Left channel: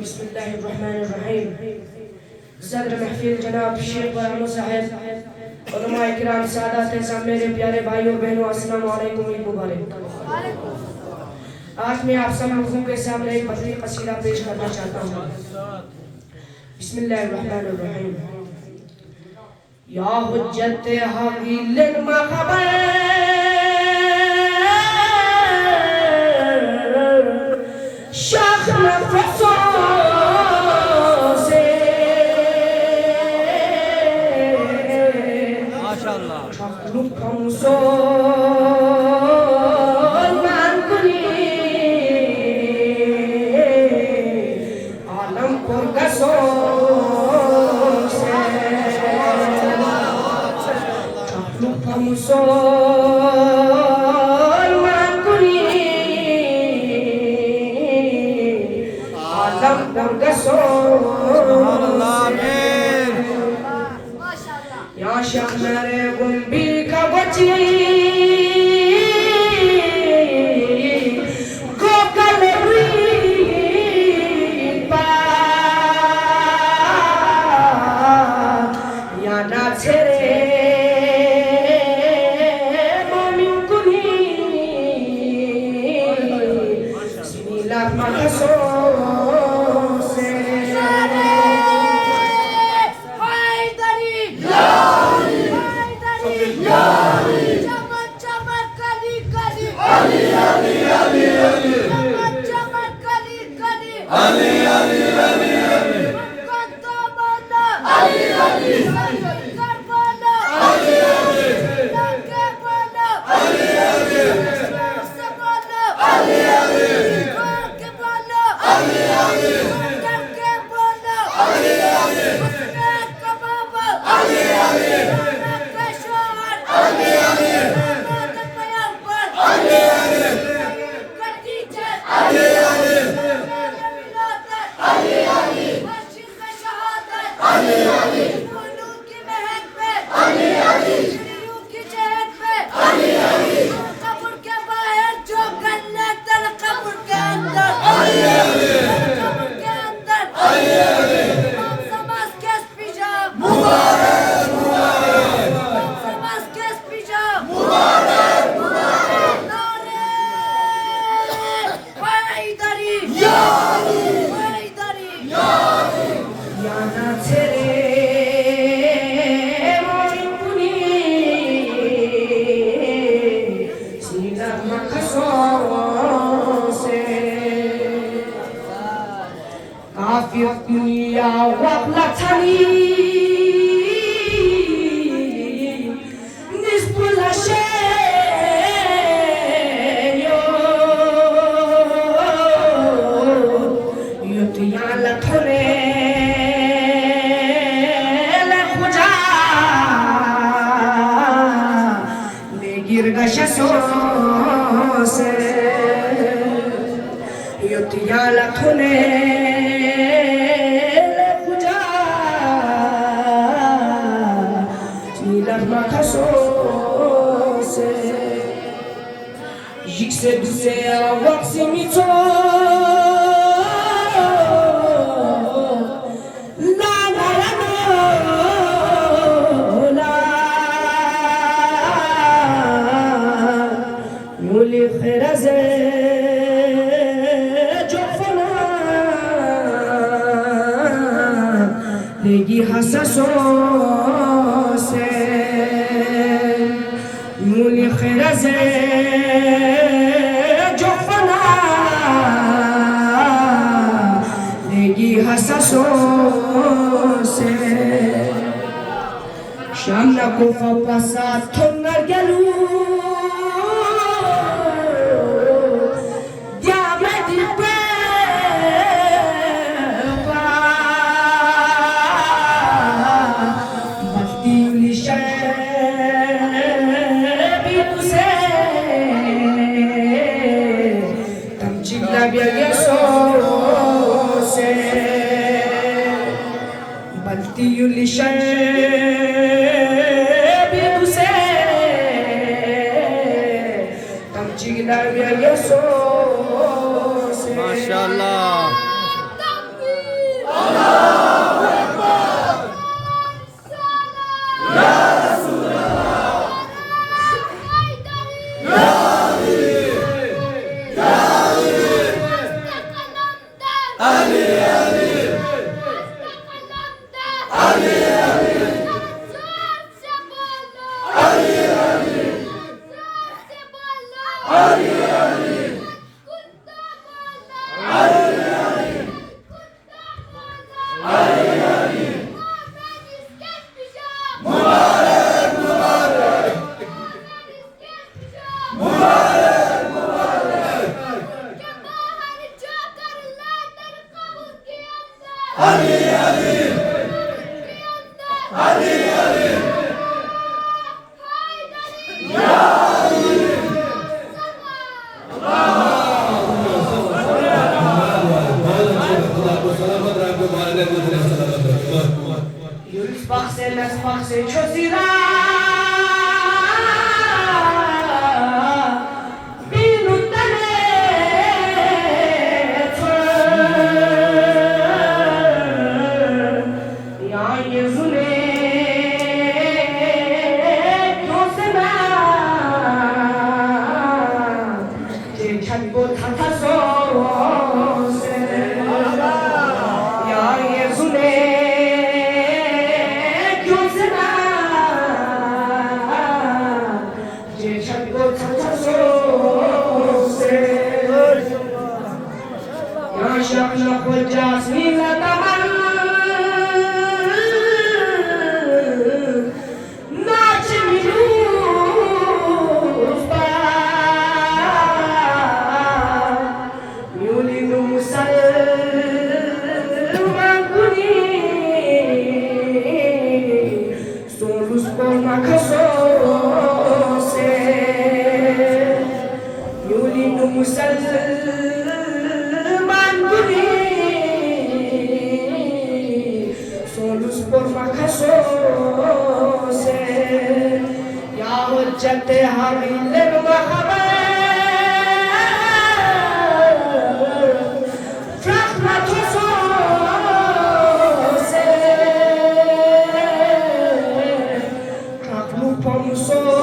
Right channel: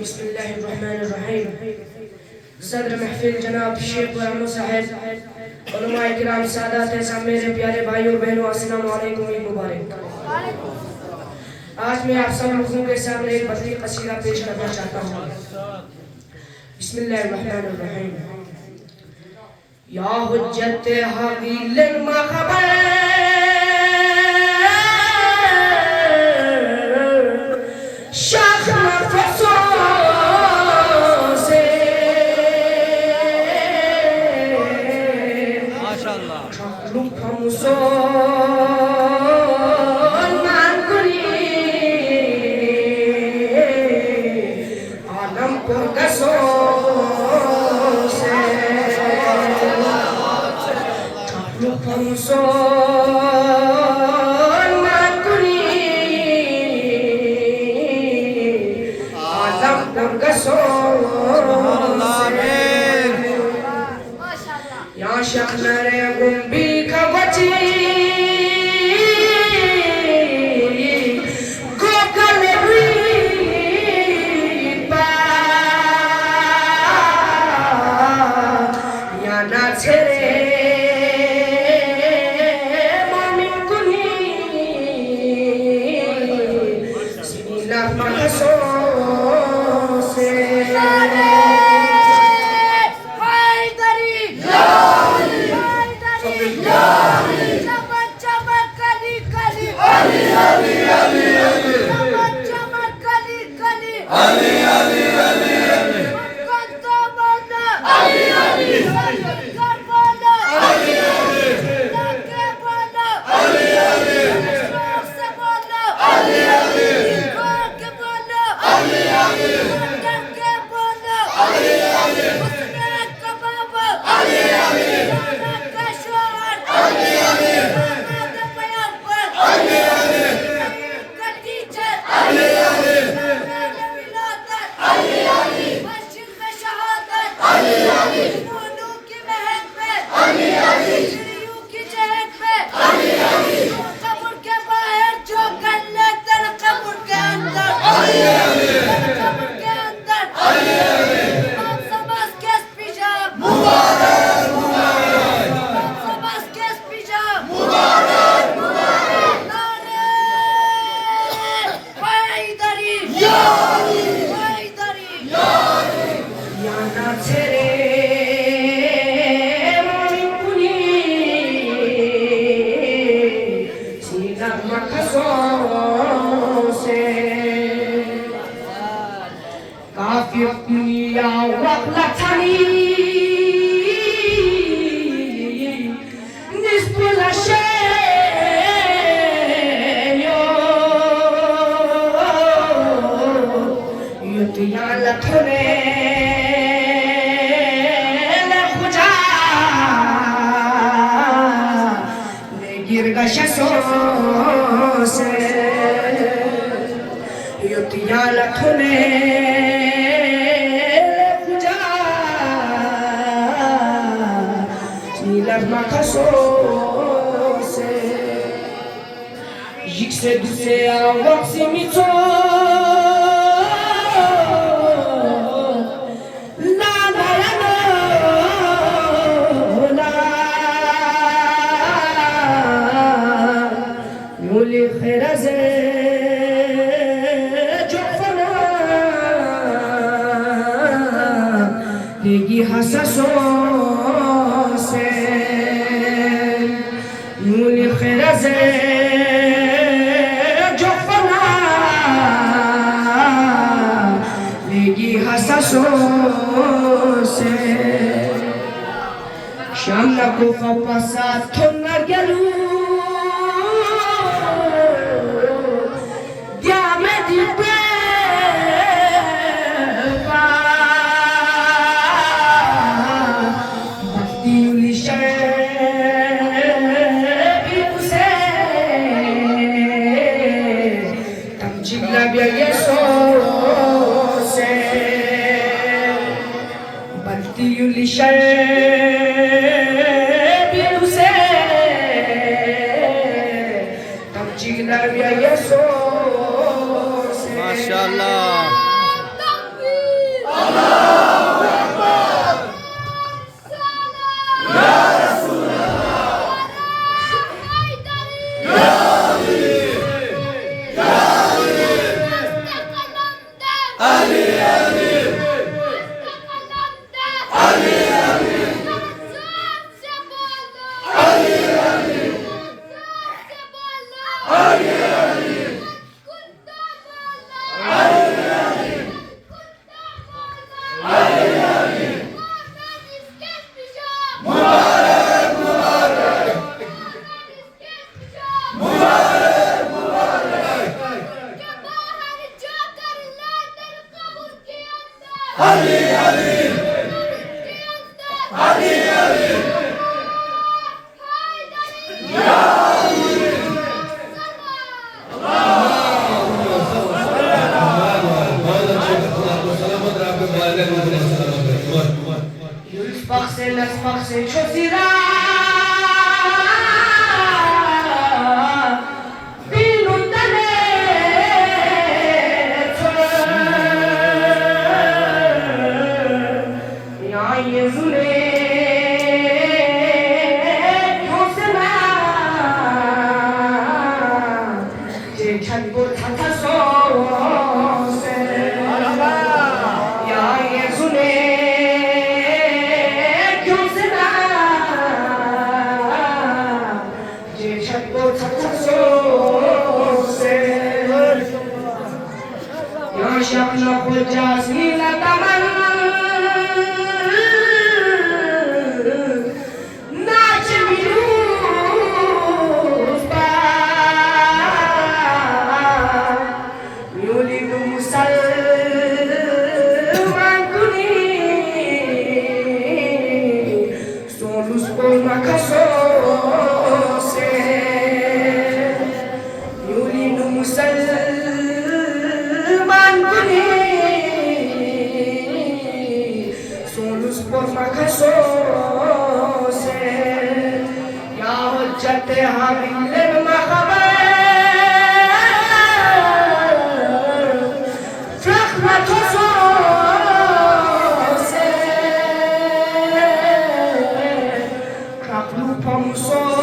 बिस्मिल्लाहिर्रहमानिर्रहीम। सदर महफिल जनाब शेख बरानो साहब, उलमाए किराम, सादात ऐज़ाम, मेरे प्यारे भाइयों बहनों, अस्सलामु अलैकुम, ईद मुबारक। आज मैं आप सब लोगों के सामने एक मज़ीद कसीदा पेश करना चाहता हूँ। बिस्मिल्लाहिर्रहमानिर्रहीम। या हुज्जत हवील मखबर शाख नफसों से माशाअल्लाह आलम पर गसों या शहरे गुम्बी खवची गोकलवी पा या ना छेरे मोमिन कुनी बिस्मिल्लाह महसो Ali Ali Ali Ali Ali Ali Ali Sparse, ciosirà in lontanezza ya Yezule ciosirà je chango tataso ya Yezule يخلق الجاسمين تمن ناجم يوسبا يولد مسلمان كني سولوس بوما كسوسي يولد مسلمان por fracaso se ya hujjate hamil mahaba rahmatoso se kaplu pomso